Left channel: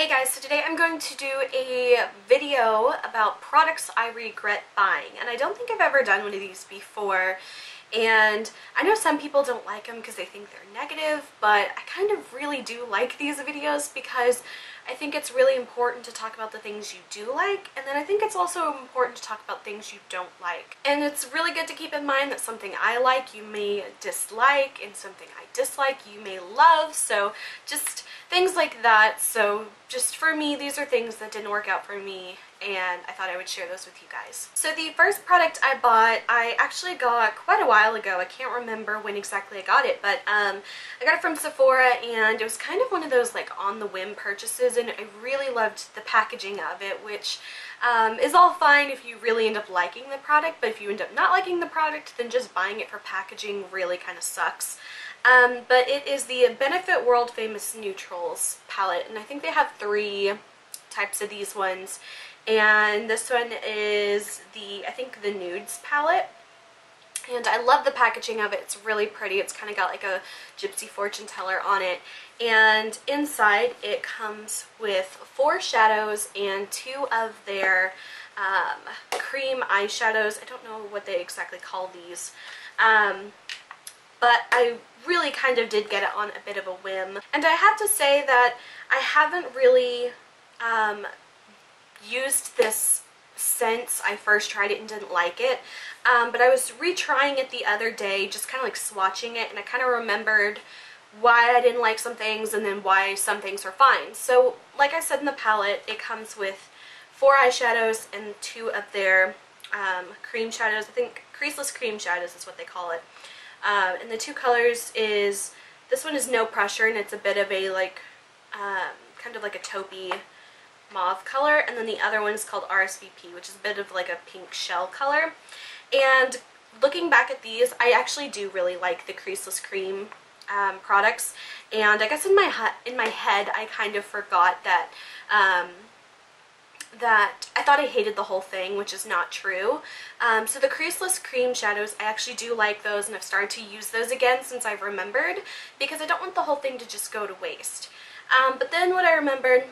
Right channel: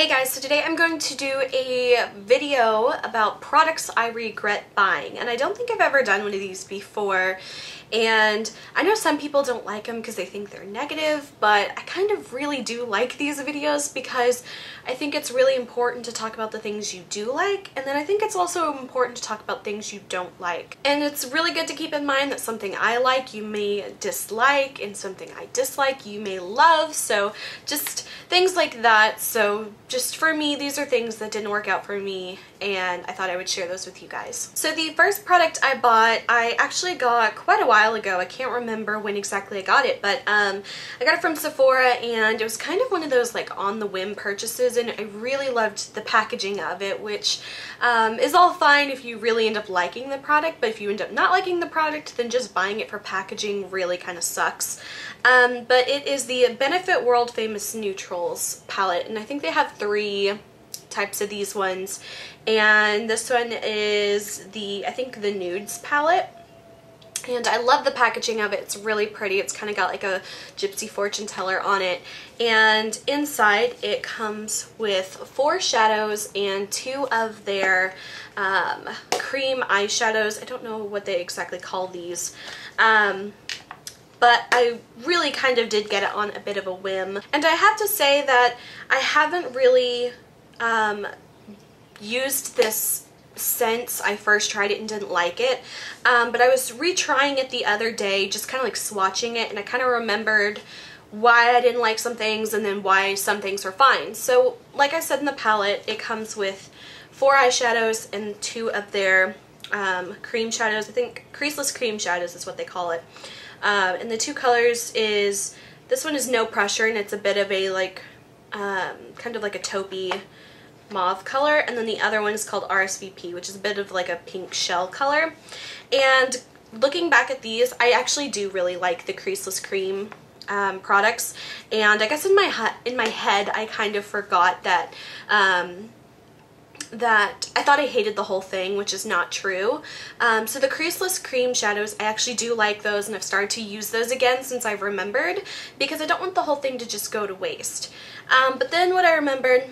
Hey guys, so today I'm going to do a video about products I regret buying, and I don't think I've ever done one of these before, and I know some people don't like them because they think they're negative, but I kind of really do like these videos because I think it's really important to talk about the things you do like, and then I think it's also important to talk about things you don't like. And it's really good to keep in mind that something I like you may dislike, and something I dislike you may love, so just things like that. So just for me, these are things that didn't work out for me, and I thought I would share those with you guys. So the first product I bought, I actually got quite a while ago. I can't remember when exactly I got it, but I got it from Sephora, and it was kind of one of those like on the whim purchases, and I really loved the packaging of it, which is all fine if you really end up liking the product, but if you end up not liking the product, then just buying it for packaging really kind of sucks. But it is the Benefit World Famous Neutrals palette, and I think they have 3 types of these ones, and this one is I think the Nudes palette, and I love the packaging of it. It's really pretty. It's kind of got like a gypsy fortune teller on it, and inside it comes with 4 shadows and 2 of their cream eyeshadows. I don't know what they exactly call these, but I really kind of did get it on a bit of a whim. And I have to say that I haven't really used this since I first tried it and didn't like it, but I was retrying it the other day, just kind of like swatching it, and I kind of remembered why I didn't like some things and then why some things are fine. So like I said in the palette, it comes with 4 eyeshadows and 2 of their cream shadows. I think creaseless cream shadows is what they call it. And the 2 colors is, this one is No Pressure, and it's a bit of a like kind of like a taupey mauve color, and then the other one is called RSVP, which is a bit of like a pink shell color. And looking back at these, I actually do really like the creaseless cream products, and I guess in my head I kind of forgot that that I thought I hated the whole thing, which is not true. So the creaseless cream shadows, I actually do like those, and I've started to use those again since I've remembered, because I don't want the whole thing to just go to waste. But then what I remembered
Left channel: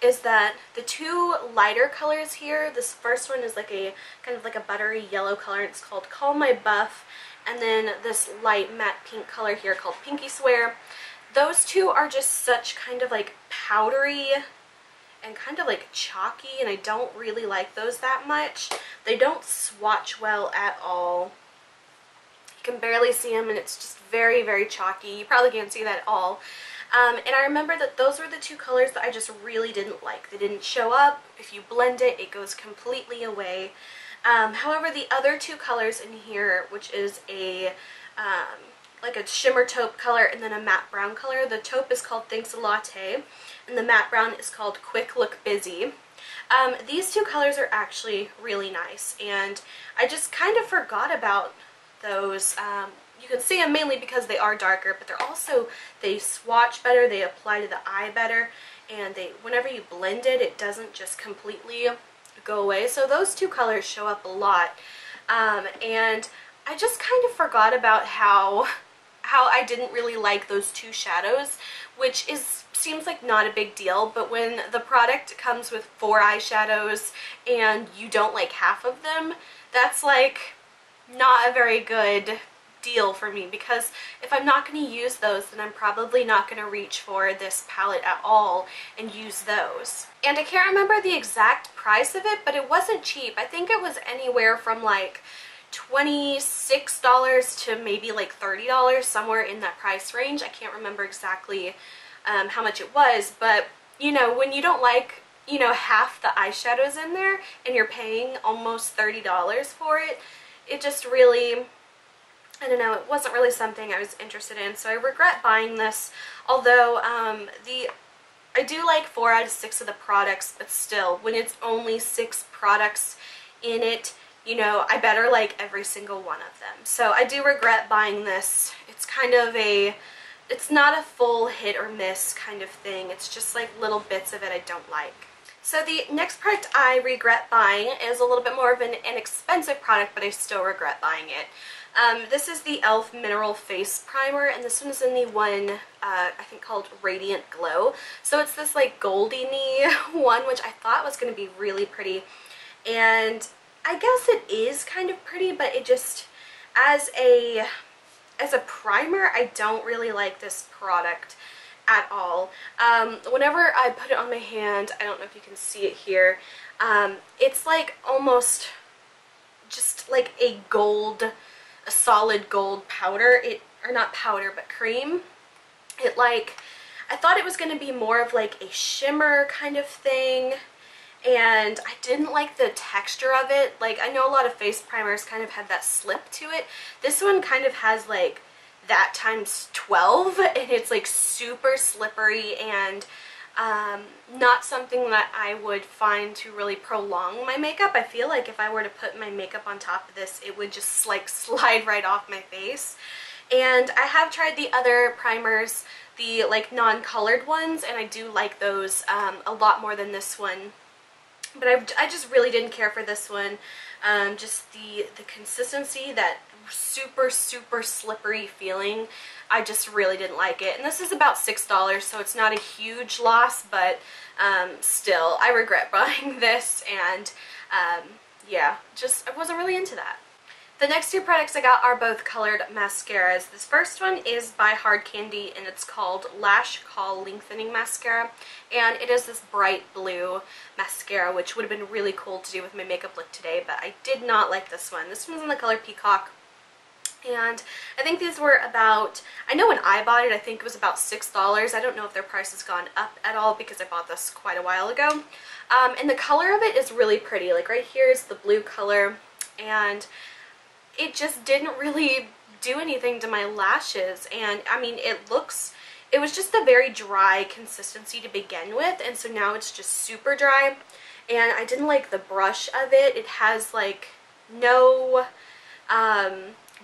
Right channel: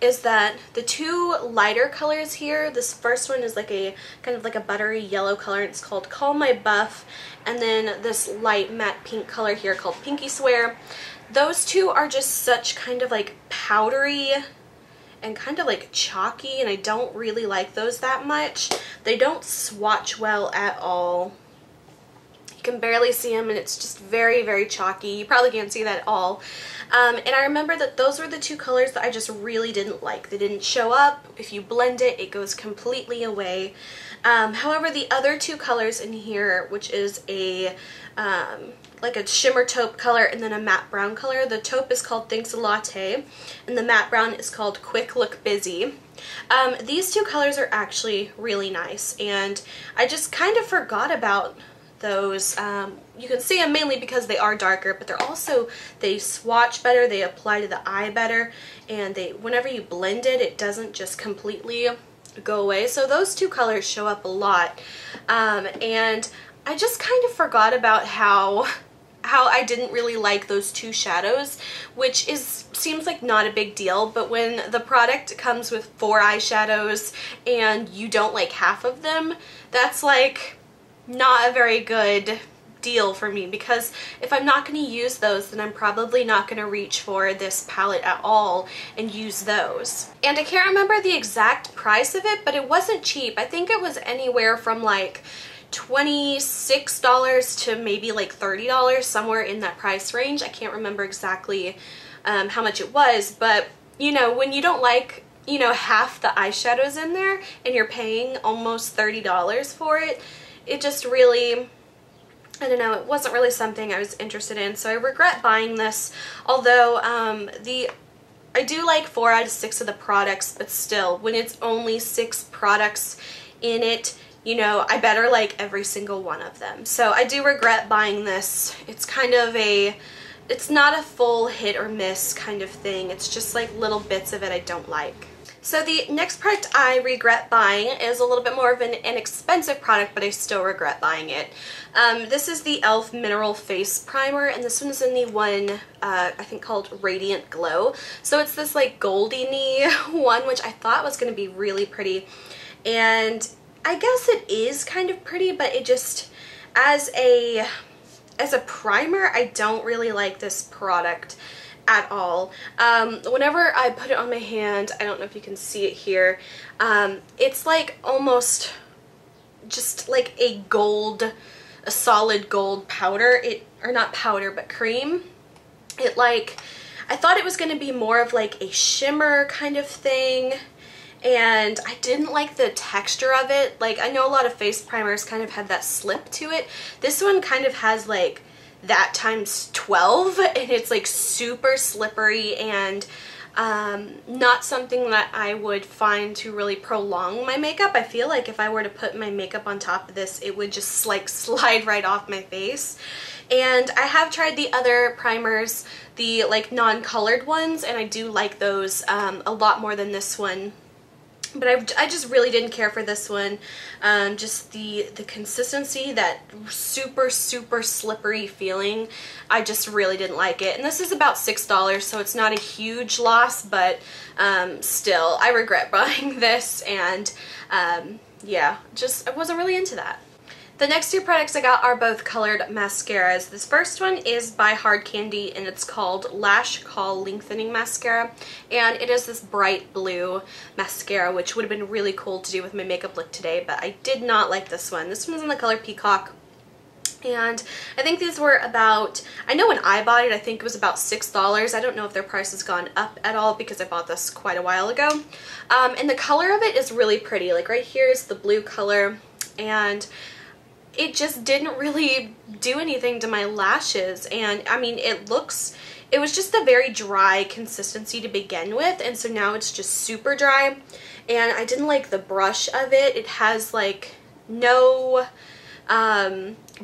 is that the 2 lighter colors here, this first one is like a kind of like a buttery yellow color, and it's called Call My Buff, and then this light matte pink color here called Pinky Swear. Those 2 are just such kind of like powdery and kind of like chalky, and I don't really like those that much. They don't swatch well at all. You can barely see them, and it's just very, very chalky. You probably can't see that at all. And I remember that those were the 2 colors that I just really didn't like. They didn't show up. If you blend it, it goes completely away. However, the other 2 colors in here, which is a like a shimmer taupe color and then a matte brown color. The taupe is called Thanks a Latte, and the matte brown is called Quick Look Busy. These 2 colors are actually really nice, and I just kind of forgot about those. You can see them mainly because they are darker, but they swatch better, they apply to the eye better, and whenever you blend it, it doesn't just completely go away. So those 2 colors show up a lot, and I just kind of forgot about how I didn't really like those 2 shadows, which seems like not a big deal, but when the product comes with 4 eyeshadows and you don't like half of them, that's like not a very good deal for me, because if I'm not going to use those, then I'm probably not going to reach for this palette at all and use those. And I can't remember the exact price of it, but it wasn't cheap. I think it was anywhere from like $26 to maybe like $30, somewhere in that price range. I can't remember exactly how much it was, but you know, when you don't like, you know, half the eyeshadows in there and you're paying almost $30 for it, it just really, I don't know, it wasn't really something I was interested in, so I regret buying this. Although I do like 4 out of 6 of the products, but still, when it's only 6 products in it, you know, I better like every single one of them. So I do regret buying this. It's kind of it's not a full hit or miss kind of thing. It's just like little bits of it I don't like. So the next product I regret buying is a little bit more of an inexpensive product, but I still regret buying it. This is the e.l.f. Mineral Face Primer, and this one's in the one, I think called Radiant Glow. So it's this like goldy-y one, which I thought was going to be really pretty. And I guess it is kind of pretty, but it just, as a primer, I don't really like this product at all. Whenever I put it on my hand, I don't know if you can see it here, it's like almost just like a solid gold powder, or not powder, but cream. I thought it was going to be more of like a shimmer kind of thing, and I didn't like the texture of it. Like, I know a lot of face primers kind of have that slip to it. This one kind of has like that times 12, and it's like super slippery and not something that I would find to really prolong my makeup. I feel like if I were to put my makeup on top of this, it would just like slide right off my face. And I have tried the other primers, the like non-colored ones, and I do like those a lot more than this one. But I just really didn't care for this one. Just the consistency, that super slippery feeling, I just really didn't like it. And this is about $6, so it's not a huge loss, but still, I regret buying this, and yeah, I wasn't really into that. The next two products I got are both colored mascaras. This first one is by Hard Candy, and it's called Lash Lengthening Mascara, and it is this bright blue mascara, which would have been really cool to do with my makeup look today, but I did not like this one. This one's in the color Peacock, and I think these were about, I know when I bought it, I think it was about $6. I don't know if their price has gone up at all because I bought this quite a while ago. And the color of it is really pretty. Like right here is the blue color, and it just didn't really do anything to my lashes. And I mean, it was just a very dry consistency to begin with, and so now it's just super dry, and I didn't like the brush of it. It has like no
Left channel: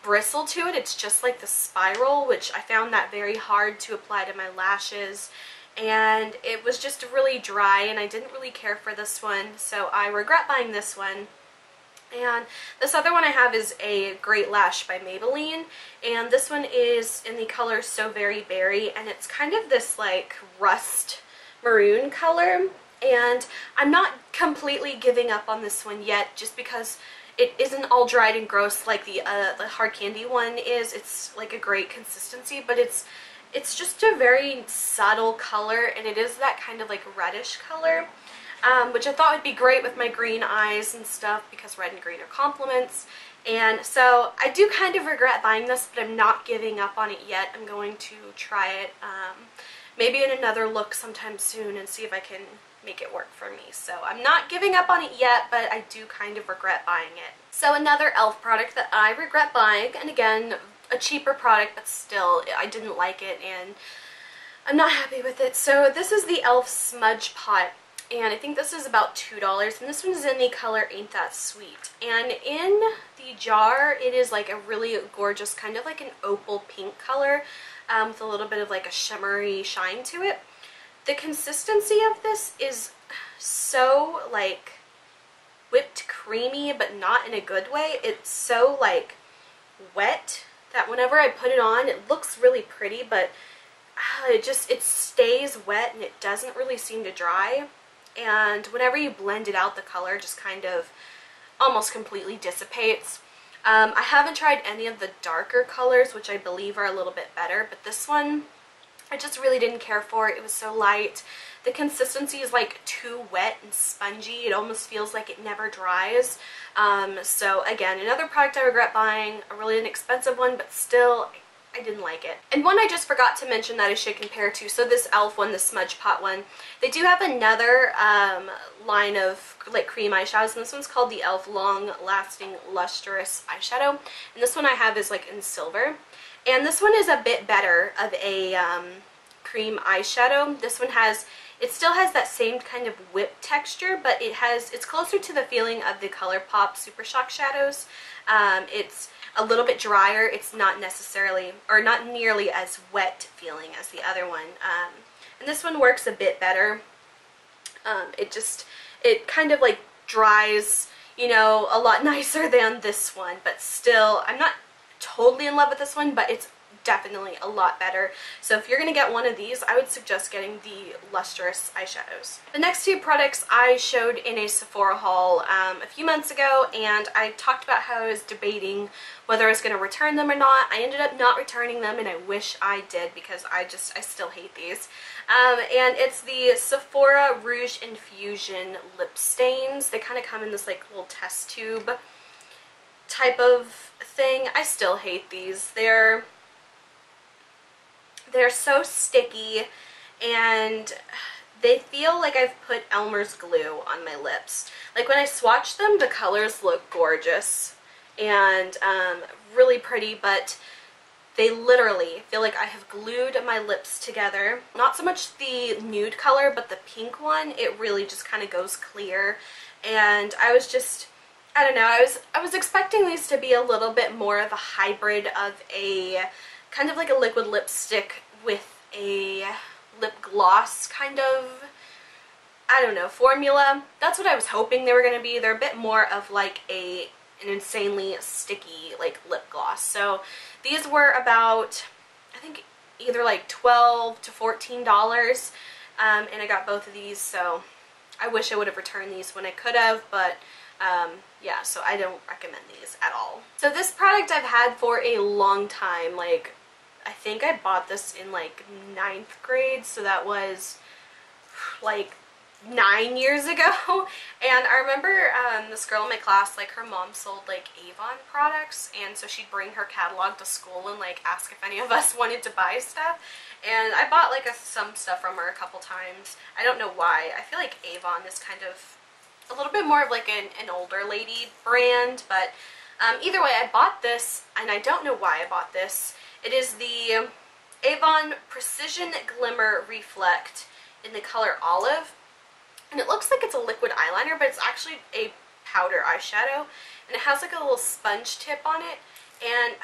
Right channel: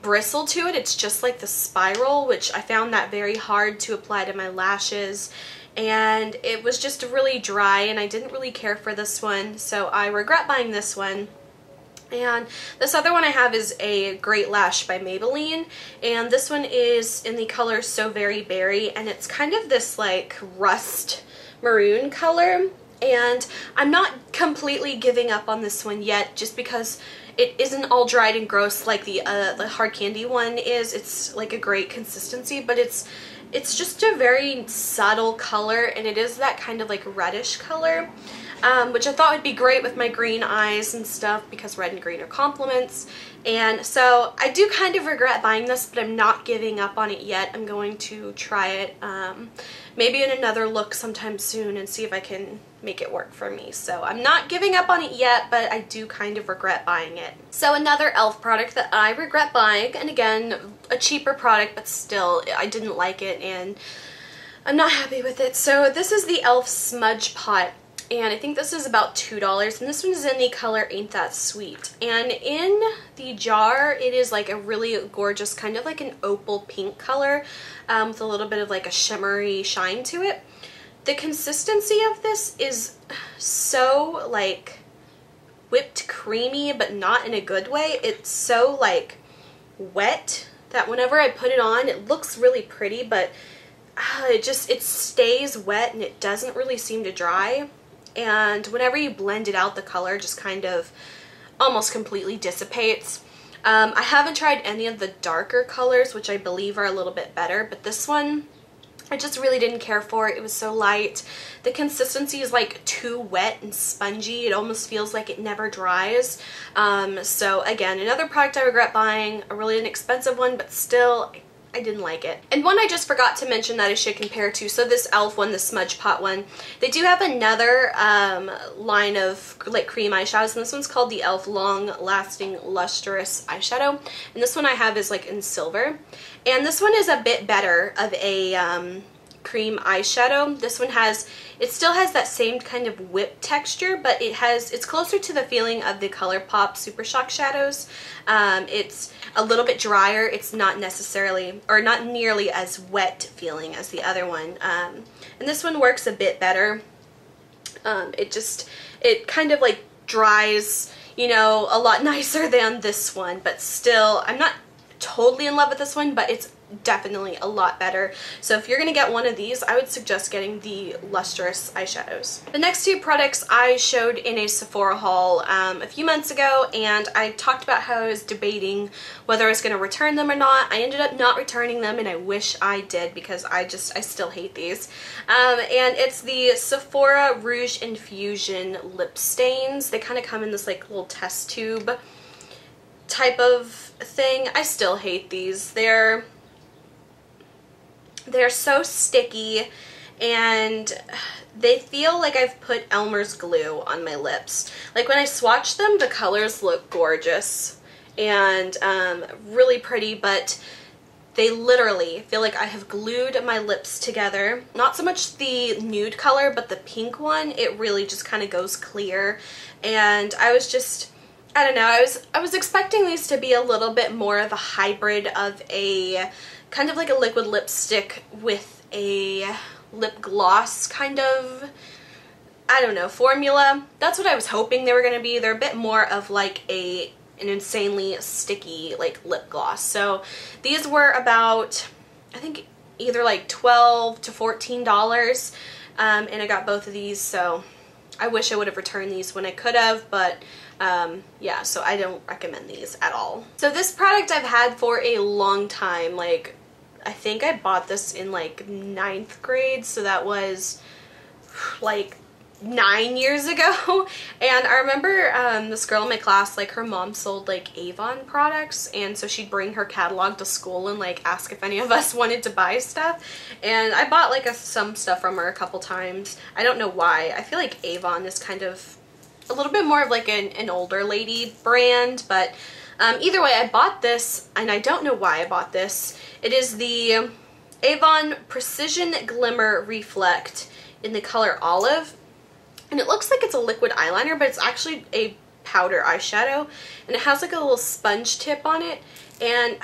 bristle to it. It's just like the spiral, which I found that very hard to apply to my lashes, and it was just really dry, and I didn't really care for this one, so I regret buying this one. And this other one I have is a Great Lash by Maybelline, and this one is in the color So Very Berry, and it's kind of this like rust maroon color, and I'm not completely giving up on this one yet, just because it isn't all dried and gross like the Hard Candy one is. It's like a great consistency, but it's just a very subtle color, and it is that kind of like reddish color. Which I thought would be great with my green eyes and stuff, because red and green are complements. And so I do kind of regret buying this, but I'm not giving up on it yet. I'm going to try it maybe in another look sometime soon and see if I can make it work for me. So I'm not giving up on it yet, but I do kind of regret buying it. So another e.l.f. product that I regret buying, and again, a cheaper product, but still, I didn't like it and I'm not happy with it. So this is the e.l.f. Smudge Pot, and I think this is about $2, and this one is in the color Ain't That Sweet. And in the jar, it is like a really gorgeous, kind of like an opal pink color, with a little bit of like a shimmery shine to it. The consistency of this is so like whipped creamy, but not in a good way. It's so like wet that whenever I put it on, it looks really pretty, but it stays wet and it doesn't really seem to dry. And whenever you blend it out, the color just kind of almost completely dissipates. I haven't tried any of the darker colors, which I believe are a little bit better, but this one I just really didn't care for. It was so light. The consistency is like too wet and spongy. It almost feels like it never dries. So again, another product I regret buying, a really inexpensive one, but still, I didn't like it. And one I just forgot to mention that I should compare to, so this e.l.f. one, the Smudge Pot one, they do have another line of like cream eyeshadows, and this one's called the e.l.f. Long Lasting Lustrous Eyeshadow, and this one I have is like in silver. And this one is a bit better of a cream eyeshadow. This one it still has that same kind of whip texture, but it's closer to the feeling of the ColourPop Super Shock shadows. It's a little bit drier. It's not necessarily, or not nearly as wet feeling as the other one. And this one works a bit better. It kind of like dries, you know, a lot nicer than this one, but still, I'm not totally in love with this one, but it's definitely a lot better. So if you're gonna get one of these, I would suggest getting the lustrous eyeshadows. The next two products I showed in a Sephora haul a few months ago, and I talked about how I was debating whether I was gonna return them or not. I ended up not returning them, and I wish I did because I still hate these. And it's the Sephora Rouge Infusion lip stains. They kind of come in this like little test tube type of thing. I still hate these. They're so sticky, and they feel like I've put Elmer's glue on my lips. Like when I swatch them, the colors look gorgeous and really pretty, but they literally feel like I have glued my lips together. Not so much the nude color, but the pink one, it really just kind of goes clear. And I don't know, I was expecting these to be a little bit more of a hybrid of a kind of like a liquid lipstick with a lip gloss kind of, I don't know, formula. That's what I was hoping they were going to be. They're a bit more of like an insanely sticky like lip gloss. So these were about, I think, either like $12 to $14, and I got both of these, so I wish I would have returned these when I could have, but yeah, so I don't recommend these at all. So this product I've had for a long time. Like, I think I bought this in like 9th grade, so that was like 9 years ago. And I remember this girl in my class, like her mom sold like Avon products, and so she'd bring her catalog to school and like ask if any of us wanted to buy stuff, and I bought like some stuff from her a couple times. I don't know why. I feel like Avon is kind of a little bit more of like an older lady brand, but either way, I bought this, and I don't know why I bought this. It is the Avon Precision Glimmer Reflect in the color Olive, and it looks like it's a liquid eyeliner, but it's actually a powder eyeshadow, and it has like a little sponge tip on it, and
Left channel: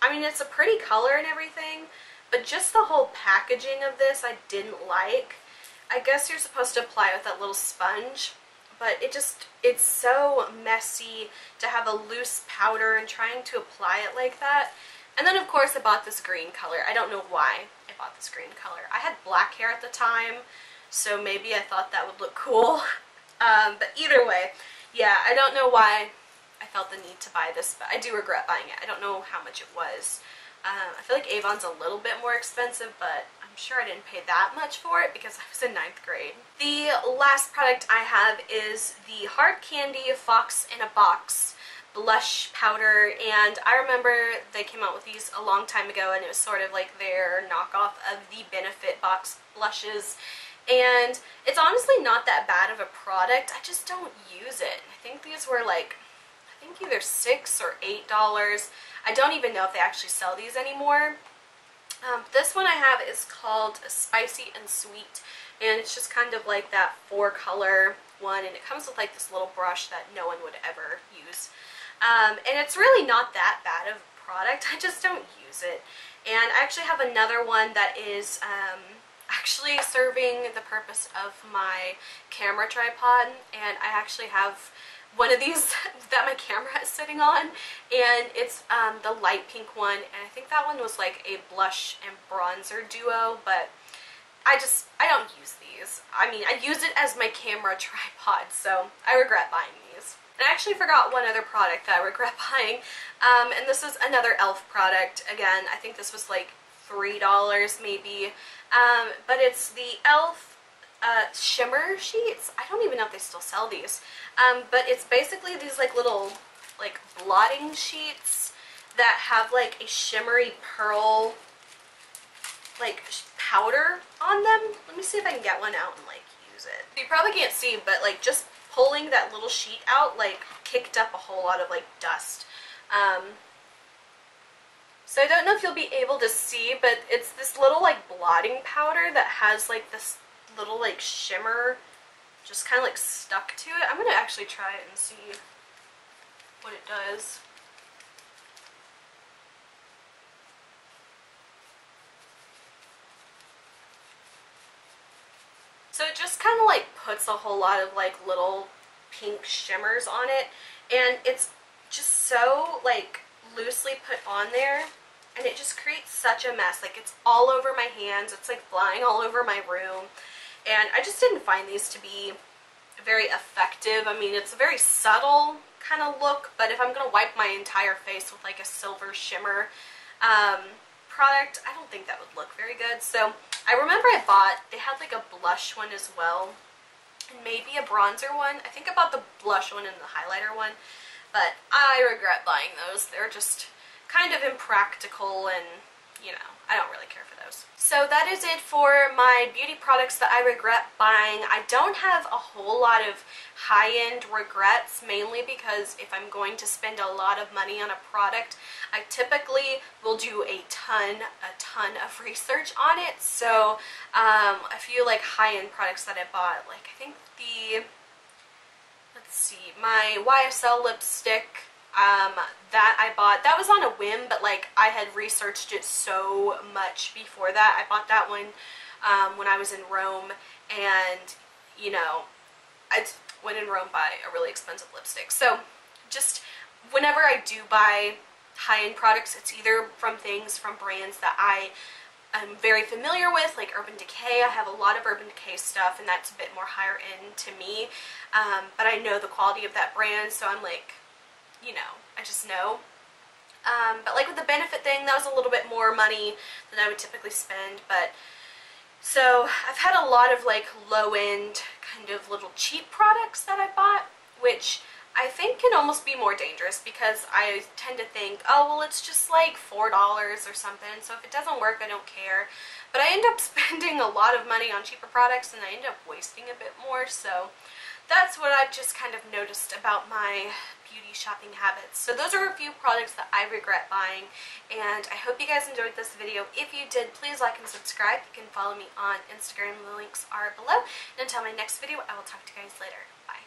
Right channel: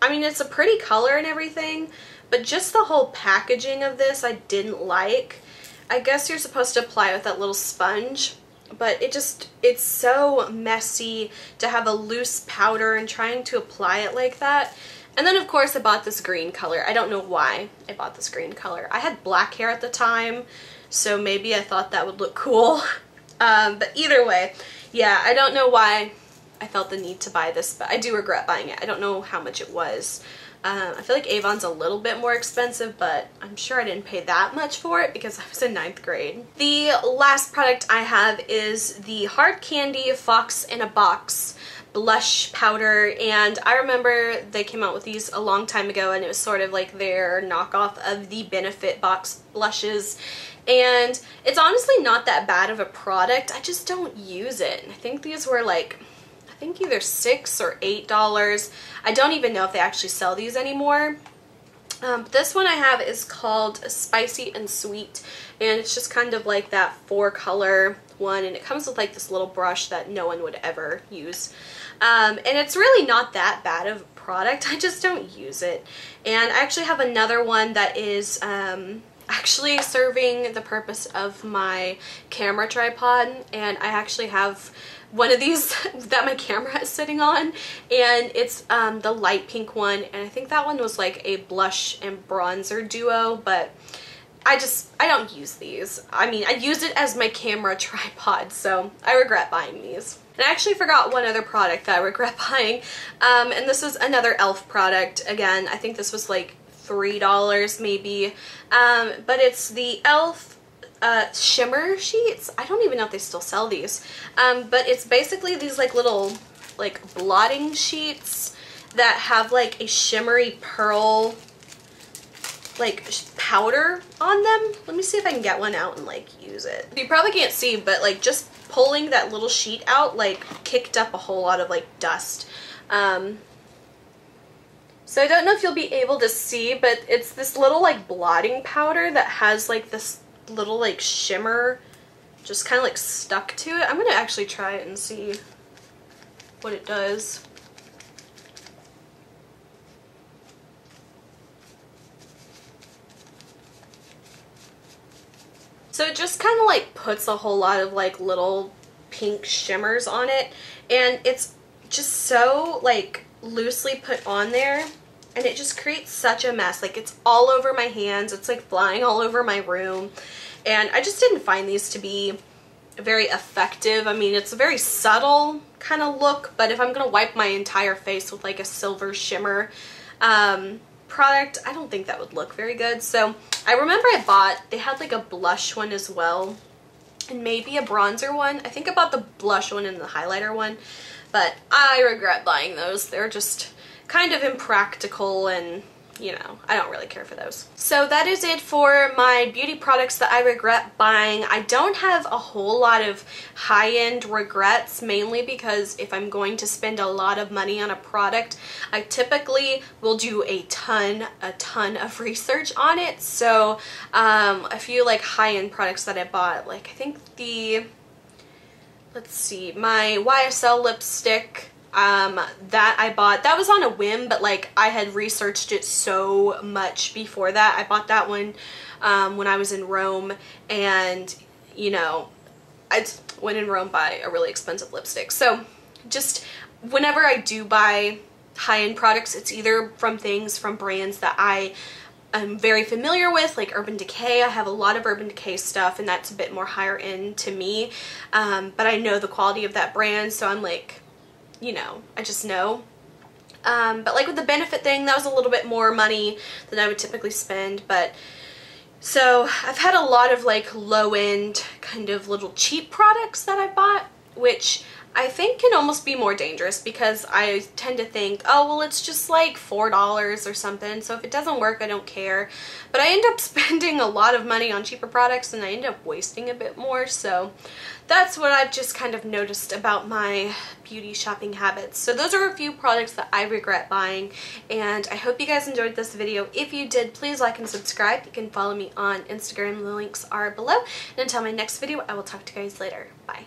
I mean, it's a pretty color and everything, but just the whole packaging of this I didn't like. I guess you're supposed to apply it with that little sponge, but it's so messy to have a loose powder and trying to apply it like that. And then of course I bought this green color. I don't know why I bought this green color. I had black hair at the time, so maybe I thought that would look cool. But either way, yeah, I don't know why I felt the need to buy this, but I do regret buying it. I don't know how much it was. I feel like Avon's a little bit more expensive, but I'm sure I didn't pay that much for it because I was in 9th grade. The last product I have is the Hard Candy Fox in a Box blush powder, and I remember they came out with these a long time ago, and it was sort of like their knockoff of the Benefit Box blushes, and it's honestly not that bad of a product. I just don't use it. I think these were like, I think either $6 or $8. I don't even know if they actually sell these anymore. This one I have is called Spicy and Sweet, and it's just kind of like that 4-color one, and it comes with like this little brush that no one would ever use. And it's really not that bad of a product. I just don't use it. And I actually have another one that is actually serving the purpose of my camera tripod, and I actually have one of these that my camera is sitting on, and it's the light pink one, and I think that one was like a blush and bronzer duo, but I don't use these. I mean, I use it as my camera tripod, so I regret buying these. And I actually forgot one other product that I regret buying, and this is another e.l.f. product. Again, I think this was like $3 maybe, but it's the e.l.f. Shimmer Sheets. I don't even know if they still sell these, but it's basically these like little like blotting sheets that have like a shimmery pearl like powder on them. Let me see if I can get one out and like use it. You probably can't see, but like just pulling that little sheet out like kicked up a whole lot of like dust. So I don't know if you'll be able to see, but it's this little like blotting powder that has like this little like shimmer just kind of like stuck to it. I'm gonna actually try it and see what it does. So it just kind of like puts a whole lot of like little pink shimmers on it, and it's just so like loosely put on there, and it just creates such a mess. Like it's all over my hands, it's like flying all over my room, and I just didn't find these to be very effective. I mean, it's a very subtle kind of look, but if I'm gonna wipe my entire face with like a silver shimmer product, I don't think that would look very good. So I remember they had like a blush one as well, and maybe a bronzer one. I think I bought the blush one and the highlighter one, but I regret buying those. They're just kind of impractical, and you know, I don't really care for those. So that is it for my beauty products that I regret buying. I don't have a whole lot of high-end regrets, mainly because if I'm going to spend a lot of money on a product, I typically will do a ton of research on it. So a few like high-end products that I bought, like I think let's see, my YSL lipstick, that I bought, that was on a whim, but like I had researched it so much before that. I bought that one when I was in Rome, and you know, I went in Rome buy a really expensive lipstick. So just whenever I do buy high-end products, it's either from brands that I'm very familiar with, like Urban Decay. I have a lot of Urban Decay stuff, and that's a bit more higher end to me, but I know the quality of that brand, so I'm like, you know, I just know. But like with the Benefit thing, that was a little bit more money than I would typically spend. But so I've had a lot of like low-end kind of little cheap products that I bought, which I think can almost be more dangerous, because I tend to think, oh well, it's just like $4 or something, so if it doesn't work, I don't care. But I end up spending a lot of money on cheaper products, and I end up wasting a bit more. So that's what I've just kind of noticed about my beauty shopping habits. So those are a few products that I regret buying, and I hope you guys enjoyed this video. If you did, please like and subscribe. You can follow me on Instagram. The links are below. And until my next video, I will talk to you guys later. Bye.